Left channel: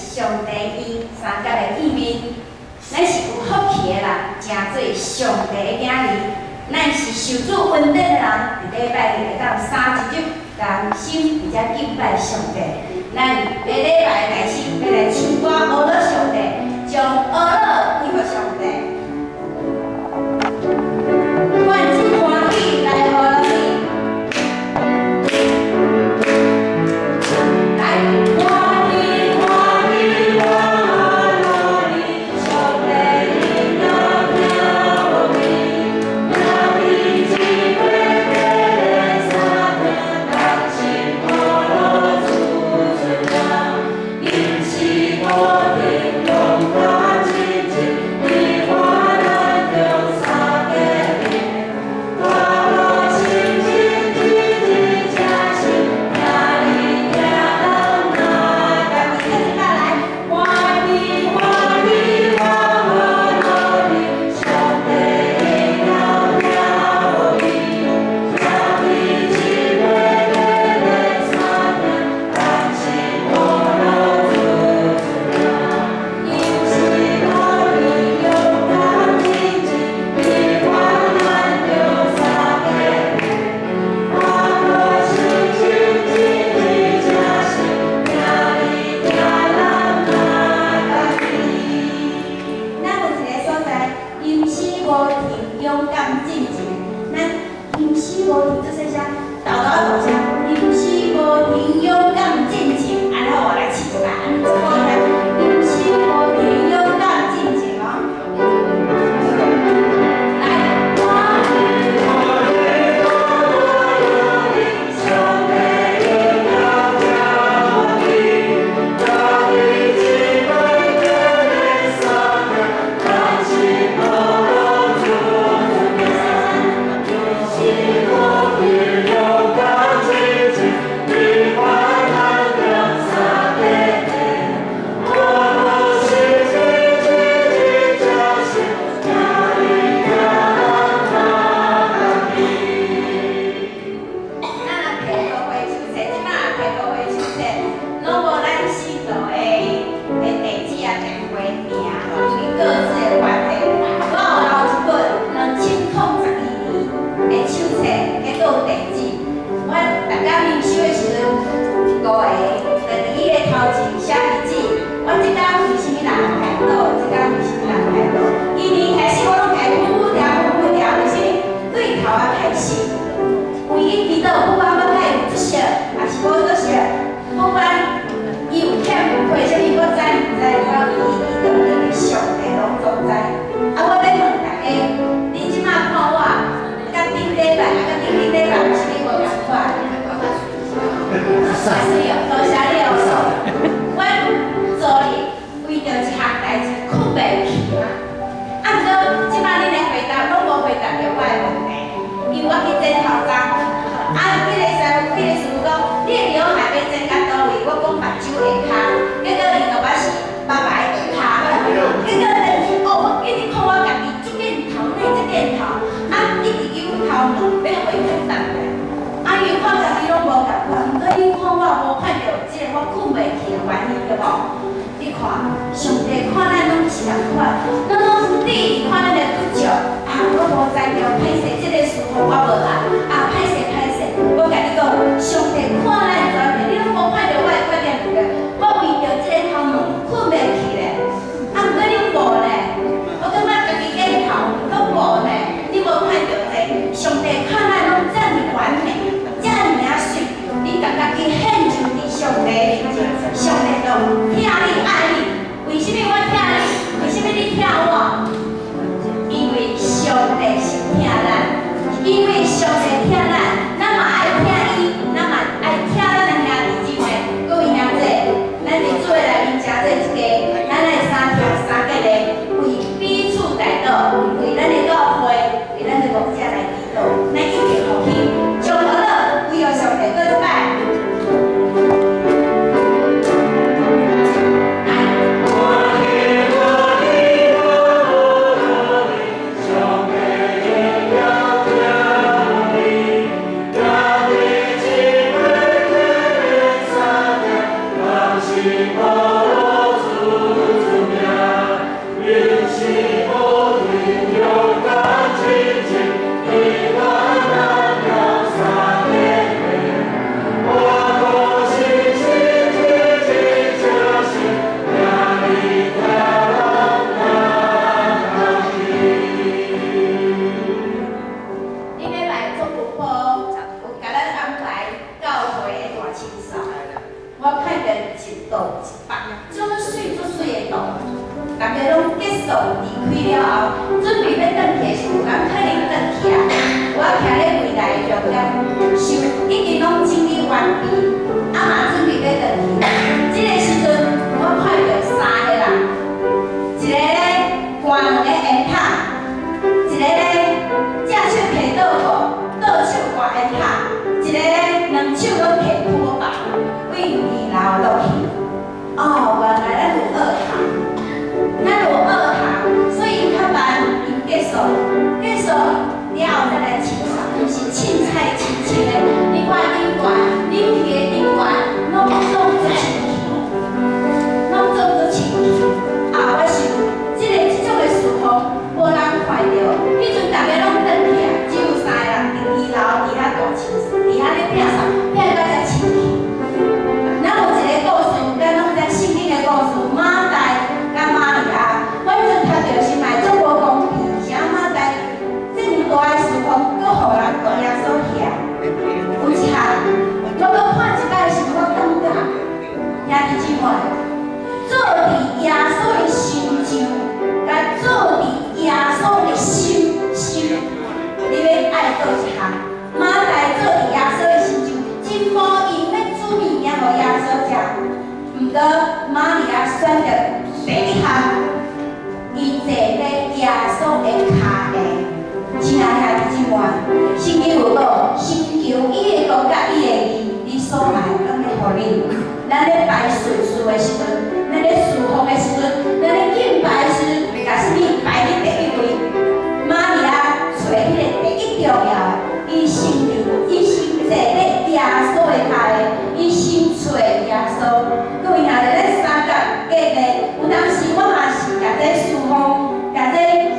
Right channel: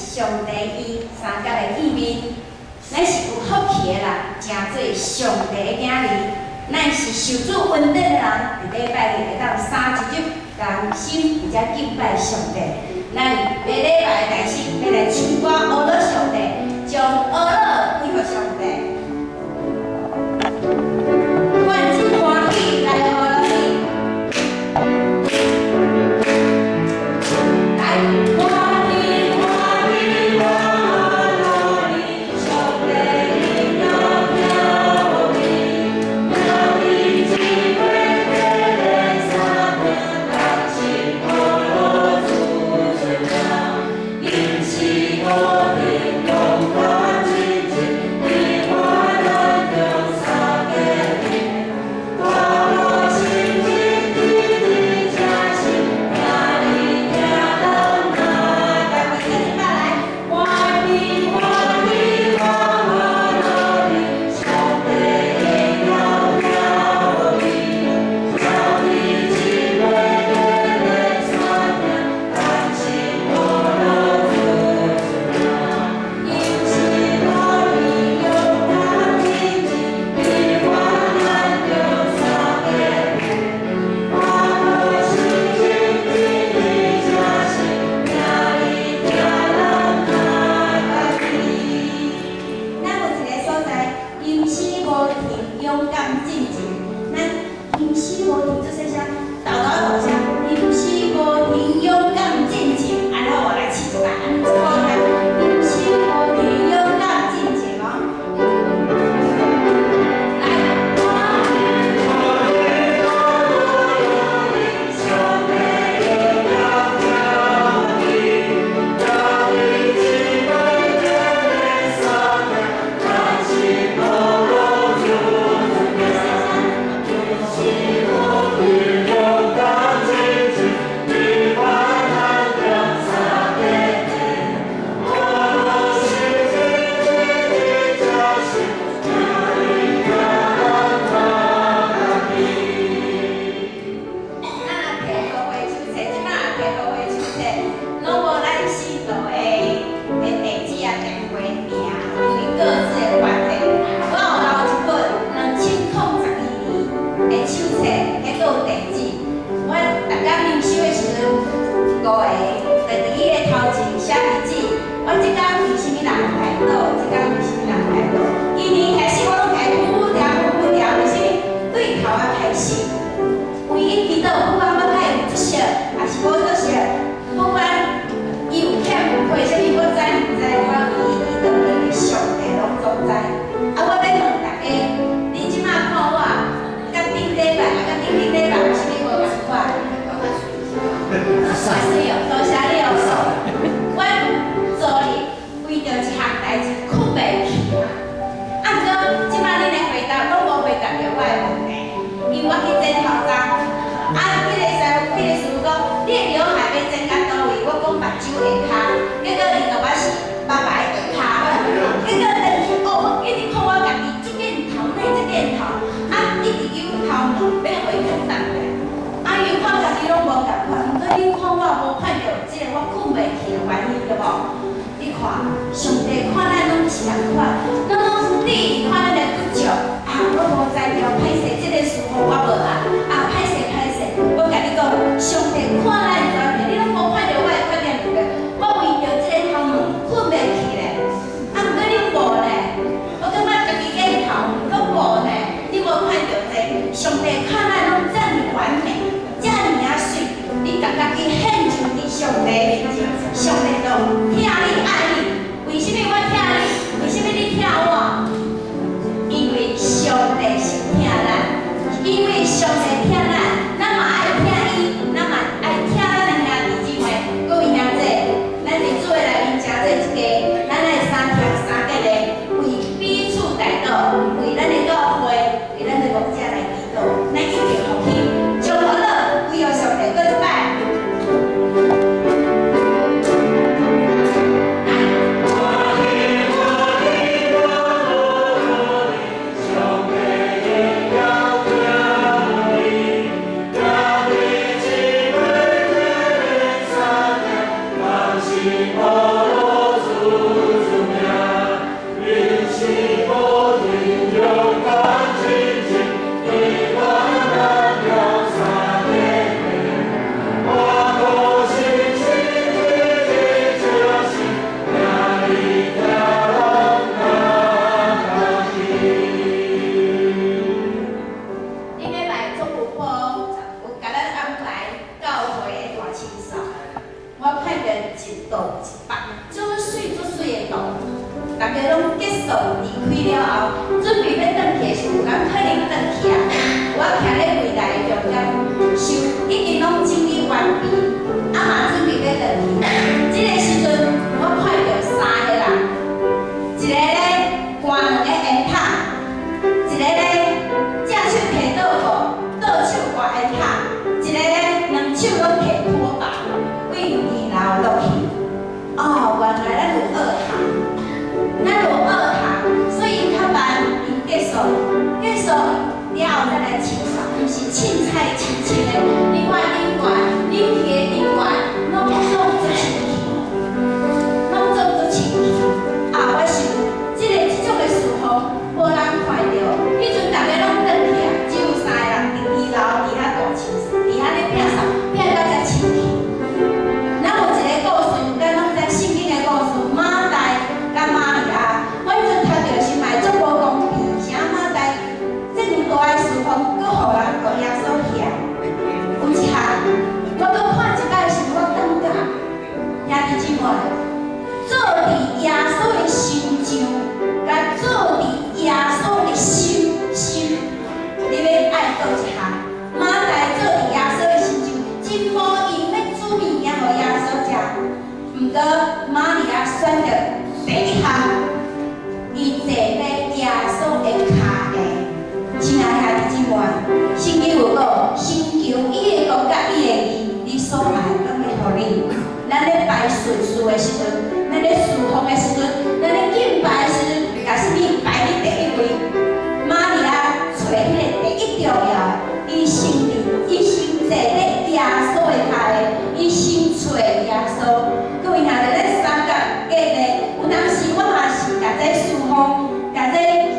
上帝伊三角的见面，咱是有福气的人，诚做上帝的囝儿。咱是受主恩典的人，伫礼拜日会当三一日同心，而且敬拜上帝。咱下礼拜开始要来唱歌阿乐上帝，将阿乐归给上帝。愿真欢喜来阿乐你。 上帝看咱拢是共款，咱拢你看咱的拄着，我无知着，歹势，这个事我无按，歹势，我甲你讲，上帝看咱全面，你拢无看着我的缺点个，我为着这个头毛困袂去咧，毋过你无咧，我感觉家己眼头拢无咧，你无看着这，上帝看咱拢这么完美，这么水，你感觉去献上伫上帝面前，上帝都听你爱你。 为什么我听你？为什么你听我？因为上帝是听咱，因为上帝听咱，咱嘛爱听伊，咱嘛爱听道一百足水的道，大家拢结束离开了后，准备要转去的时候，咱可能转去啊。我徛咧柜台重点收，已经拢整理完毕，嘛准备要转去。这个时阵，我看到3个人，一个咧挂2个烟塔，一个咧正手摕倒鼓，倒手挂烟塔，一个咧2手拢摕拖把，为2楼落去。哦，原来咱有2堂，咱有2堂，所以较慢因结束了后再来清扫，就是凊彩清清的。你看恁管，恁去的恁管，拢做清气，拢做清气。我想，这种的事况无人看到，迄阵大家拢转去啊，只有3个人伫2楼伫遐大清扫，伫遐咧摒扫，摒到遮清气。咱有一个故事，咱拢知圣经的故事，马代甲玛利亚，我迄阵读到是嘛足无公平，啥马代这么大的事况，搁互人讲耶稣遐。有一项，我搁看一摆是我感觉，兄弟姊妹，做伫耶稣的心上，甲做伫耶稣的心，你要爱倒一项？马代做伫耶稣的心上，真无因要煮物件互耶稣食。毋过玛利亚选择第一项，伊坐咧耶稣的骹下。亲爱的兄弟姊妹，圣经有讲，先求伊的国甲伊的义，你所爱拢会互你。咱咧拜顺序的时阵，咱咧侍奉的时阵，咱咧敬拜的时阵，甲什么排伫第一位？玛利亚找迄个第一重要，伊先坐咧耶稣的骹下，伊先找耶稣。各位兄弟，咱三角隔咧，有当时我嘛是甲这侍奉，甲这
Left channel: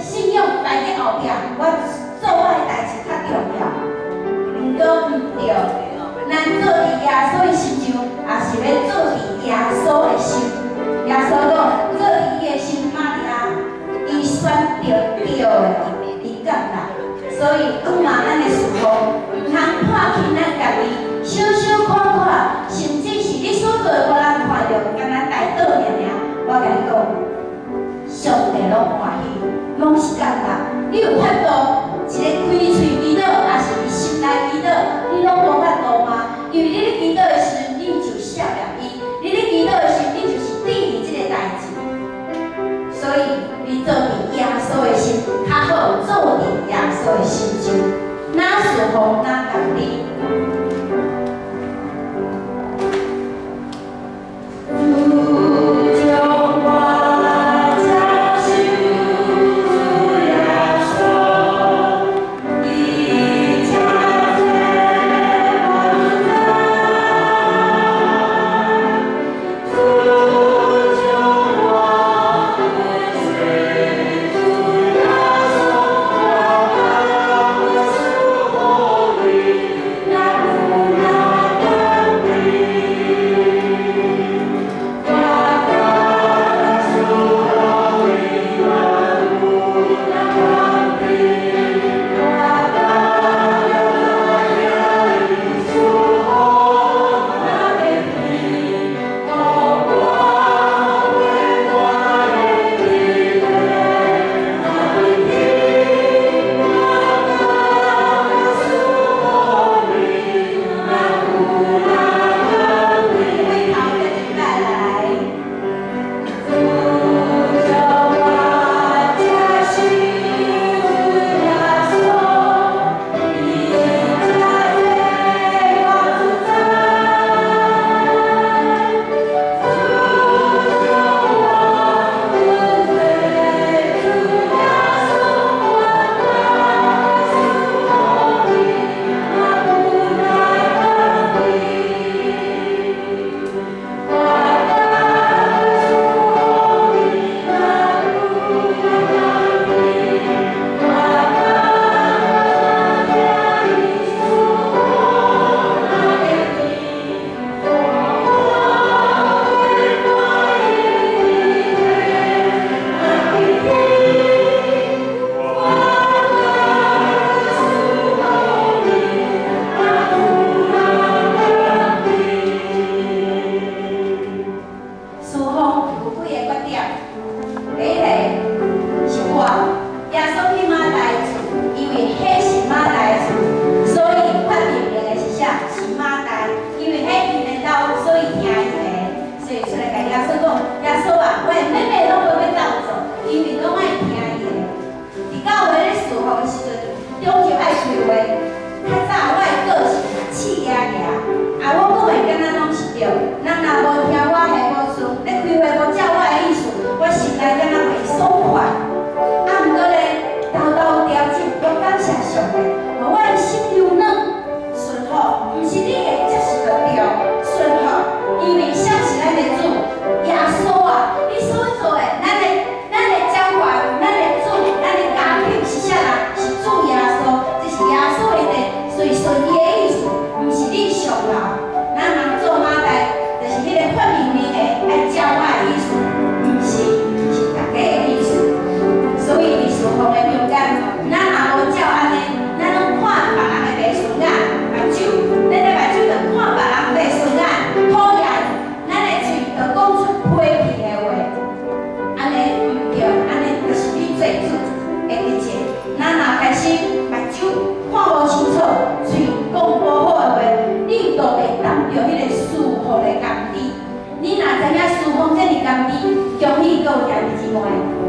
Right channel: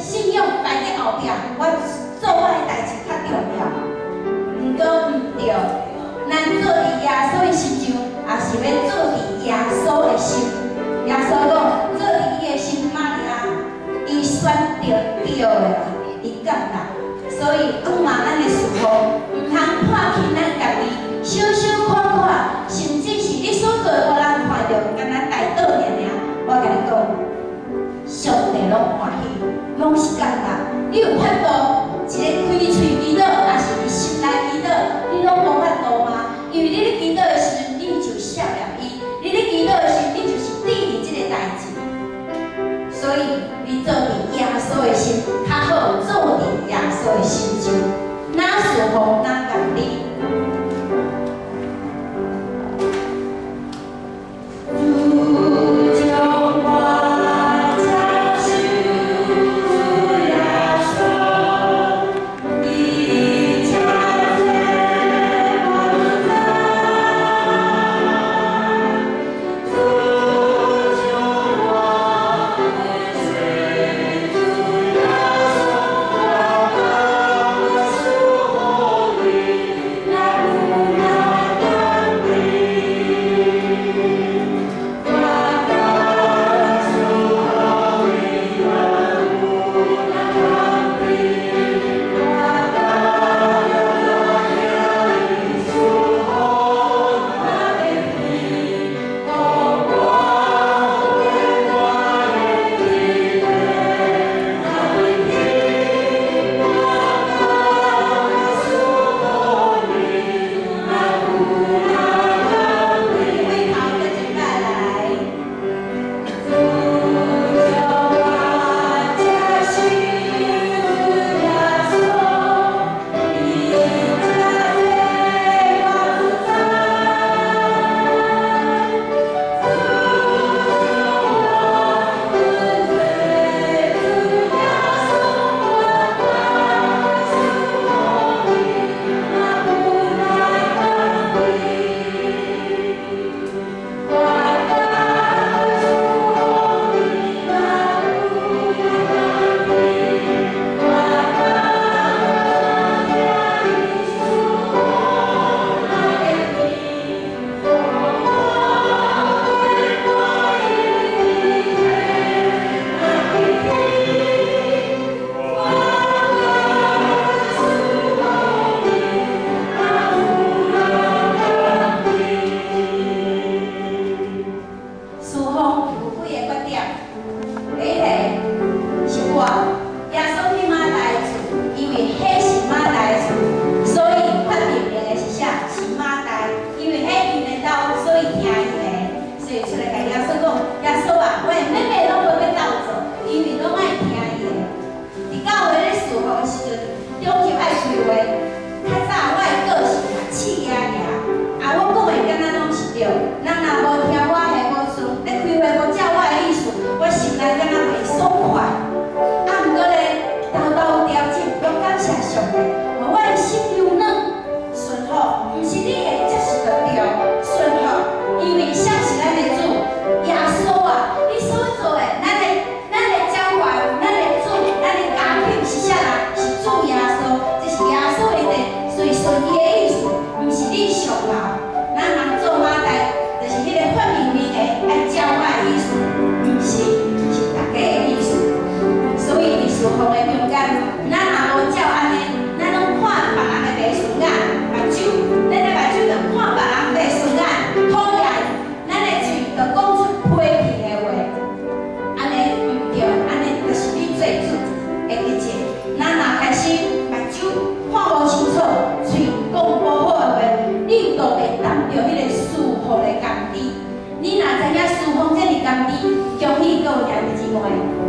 信仰摆伫后壁，我做我的代志较重要。毋过毋对，咱做伫耶稣的心上，也是要做伫耶稣的心。耶稣讲，做伫伊的心，玛利亚，伊选着对的，伊感觉。所以，嘛咱的侍奉，毋通看轻咱家己，小小看看，甚至是你所做的无人看到，敢若台倒尔尔。我甲你讲，上帝拢欢喜，拢是感觉。你有法度一个开喙祈祷，也是伫心内祈祷，你拢无法度吗？因为你咧祈祷的时阵，你就少念伊；你咧祈祷的时，你就是对你这个代志。所以，你做伫耶稣的心，较好做伫耶稣的心上，哪侍奉哪共你。Holy 甘甜，恭喜各位兄弟姊妹，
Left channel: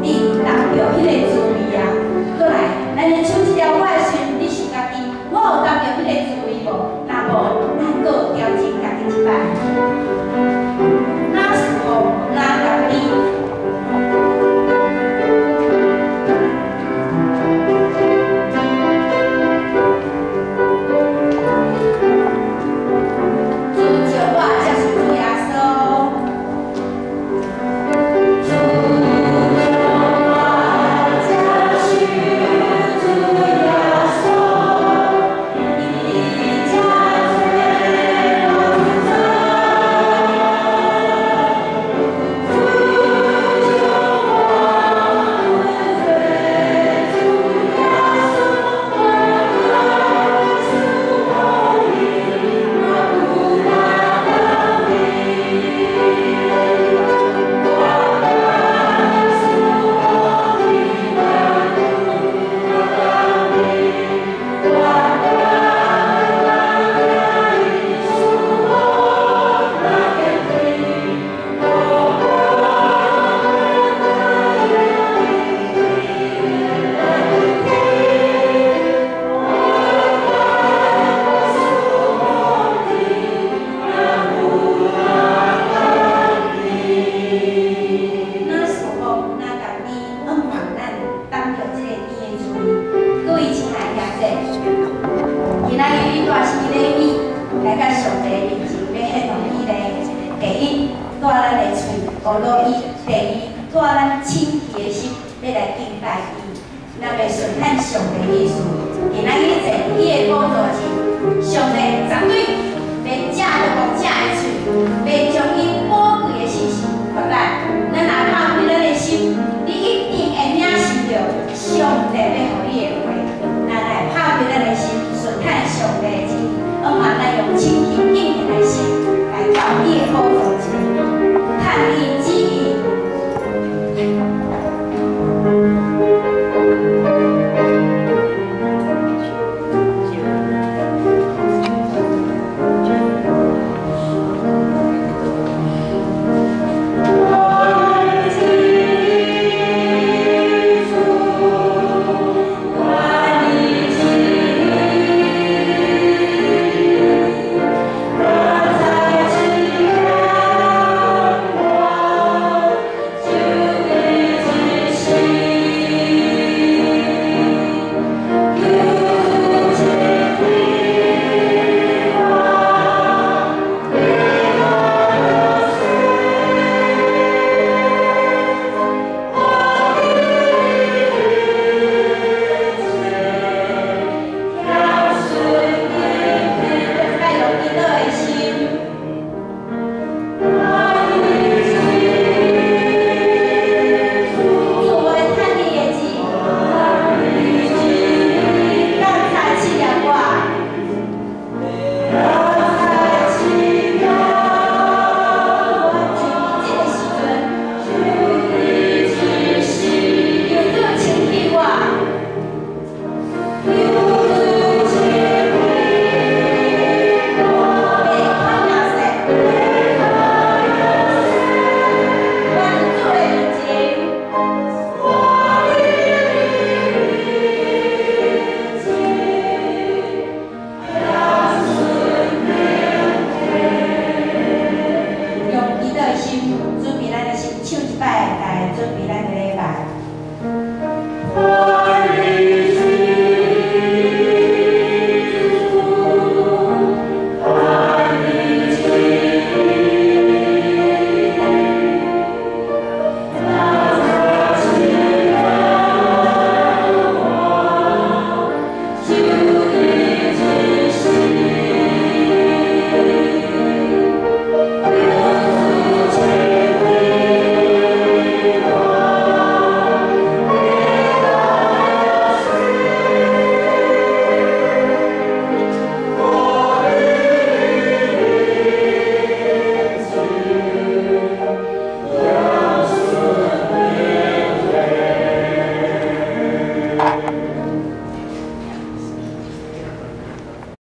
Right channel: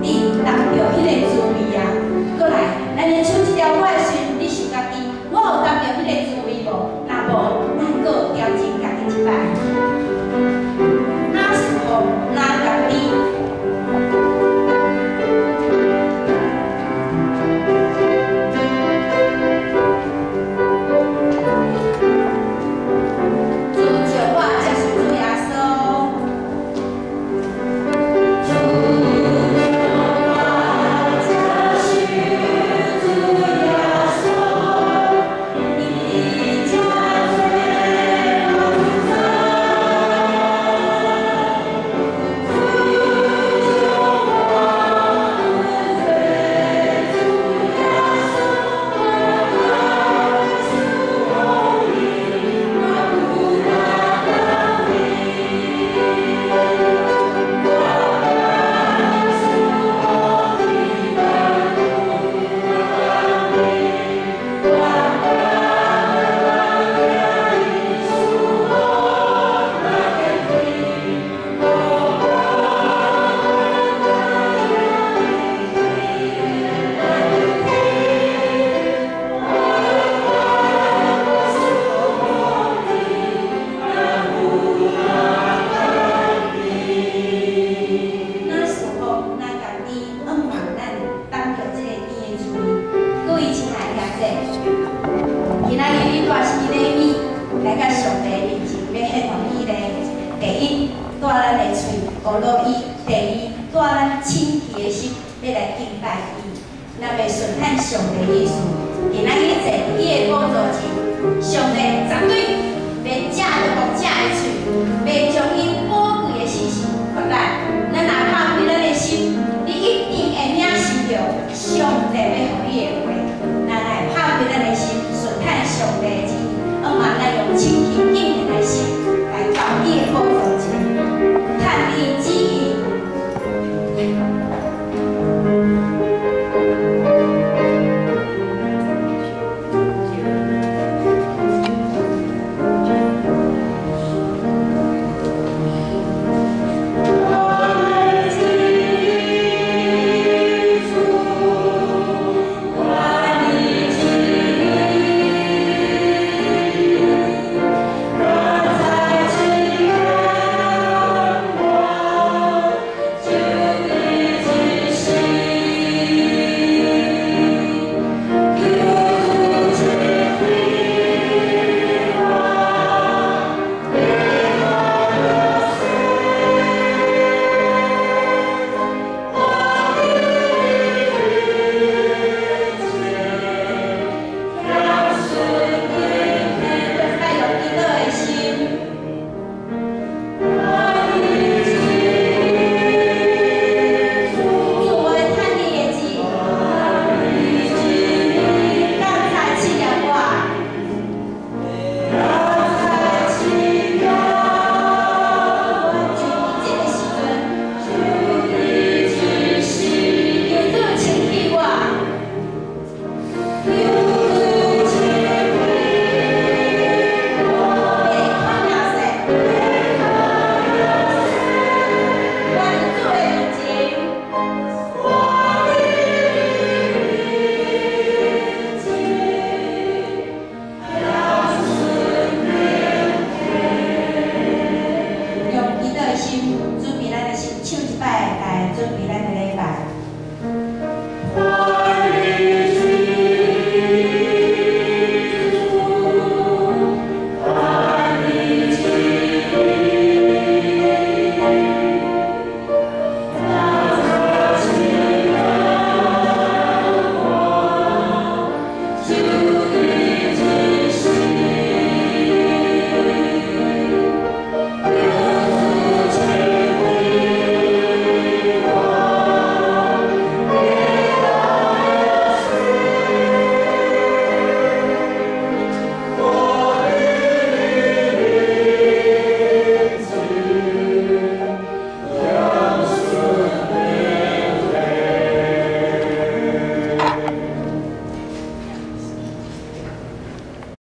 你达到迄个滋味啊！过来，咱来唱一条我的时，你想家己，我有达到迄个滋味无？若无，咱搁调整家己一摆。那时候那甘甜。 上帝绝对袂食着无食的喙，袂将